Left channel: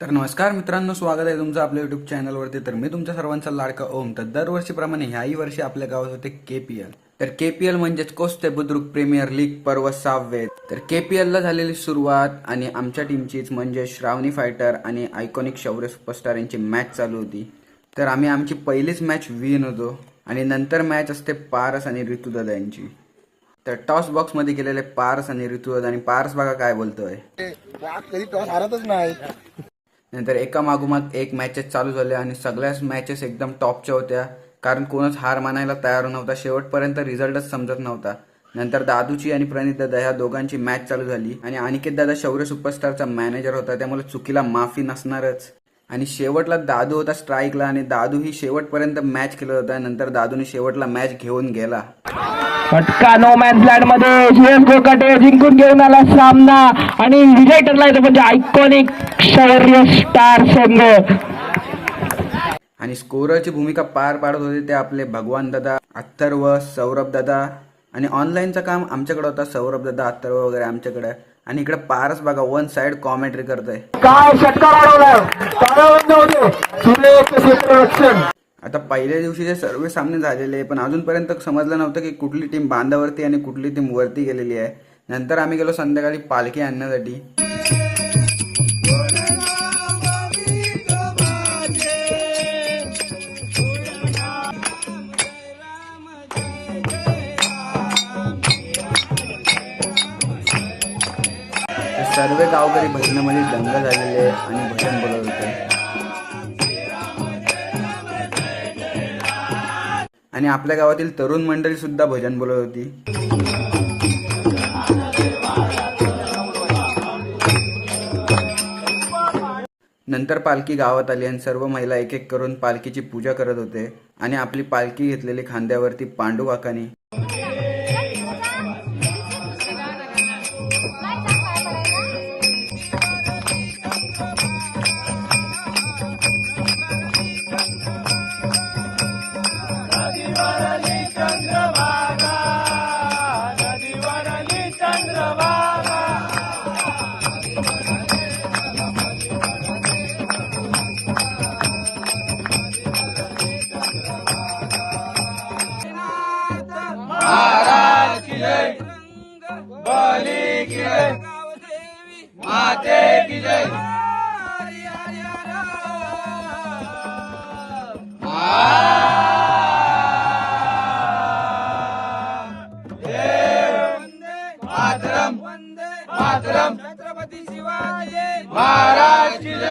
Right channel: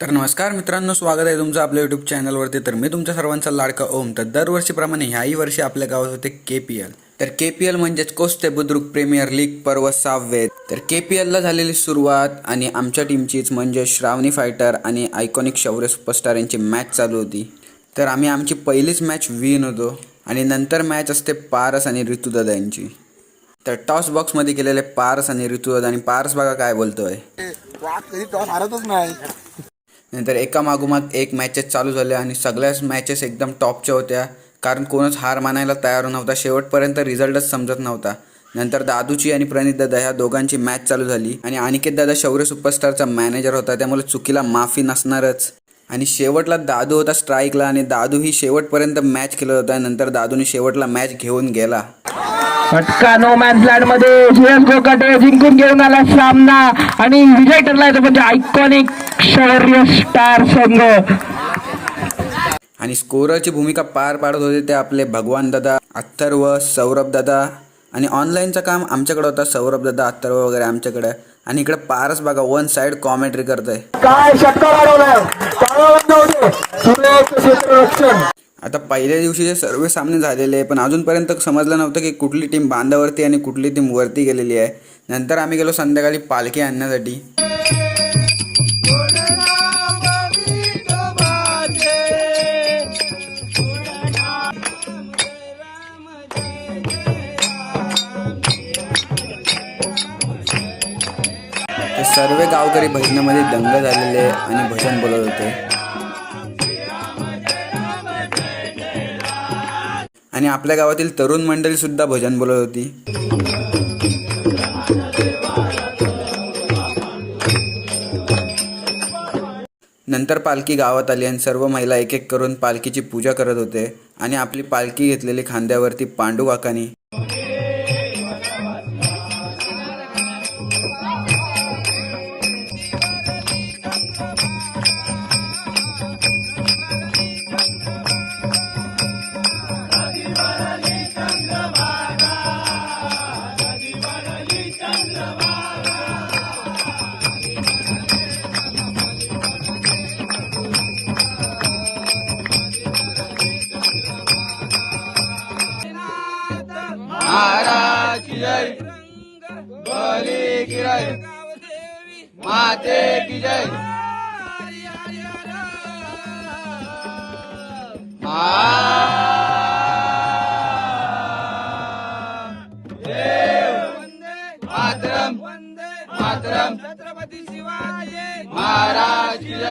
तर नमस्कार मित्रांनो, स्वागत आहे तुमचं आपल्या यूट्यूब चॅनलवरती. तर मी तुमच्या सर्वांचा लाडका ओम. तर दरवर्षीप्रमाणे ह्याही वर्षी आपल्या गावात होते KPL. तर KPL म्हणजेच कोस्ते बुद्रुक प्रीमियर लीग पर्व 6. तर KPLला झालेली सुरुवात आणि आमच्या टीमचीच म्हणजे श्रावणी फायटर आणि आयकॉनिक शौर्य सुपरस्टार यांची मॅच चालू होती. तर आम्ही आमची पहिलीच मॅच विन होतो आणि नंतर मॅच असते पारस आणि ऋतुदादा यांची. तर टॉस बॉक्समध्ये केलेले पारस आणि ऋतुदादा, आणि पारस बघा काय बोलतोय. कधी टॉस हारतच नाही. नंतर एका मागोमाग एक मॅचेस चालू झाल्या आणि सगळ्याच मॅचेस एकदम टॉपच्या होत्या, कारण कोणच हार मानायला तयार नव्हता. शेवटपर्यंत रिझल्टच समजत नव्हता. नंतर दादूची आणि प्रणित दादा ह्या दोघांची मॅच चालू झाली आणि अनिकेत दादा शौर्य सुपरस्टारचा मॅनेजर होता, त्यामुळे चुकीला माफी नसणारच. आणि शेवटला दादू होता स्ट्राईकला आणि दादू ही शेवटपर्यंत मॅच खेळत होता. नंतर दादूने शेवटला मॅच घेऊन गेला. फटका नो मॅन्स लँड मध्ये CSGO कडे जिंकून घेऊन आला सामना आणि विजय ठरलाय तो म्हणजे आयकॉनिक शौर्य स्टार संघ. आणि स्कोररची भूमिका पार पाडत होते ते आपले भगवान दादा, अथर्व, सौरभ दादा. आणि ऑनलाईनचं काम आमच्याकडे होता, सौरभ दादा, अथर्व वगैरे आमच्याकडे. आणि इकडे पारस बघा वन साइड कॉमेंट्री करतोय. काय षटकार आता पहिल्या दिवशीचे सर्व सामने झालेले, पण अजूनपर्यंत समजलं नव्हतं की कुठली टीम बांधावरती आणि कुठली टीम वरती गेलेली आहे. नंतर आम्ही गेलो संध्याकाळी पालखी आणण्यासाठी. सर्व गावकरी भजनामध्ये दंग झालेले आणि भजन बोलत होते. आणि आपल्या गावातील तरुण मंडळी सुद्धा भजन बोलत होती. नंतर पालखी गावात आली आणि सर्व महिला एक एक करून पालखीची पूजा करत होते आणि आपली पालखी घेतलेली खांद्यावरती पांडू काकानी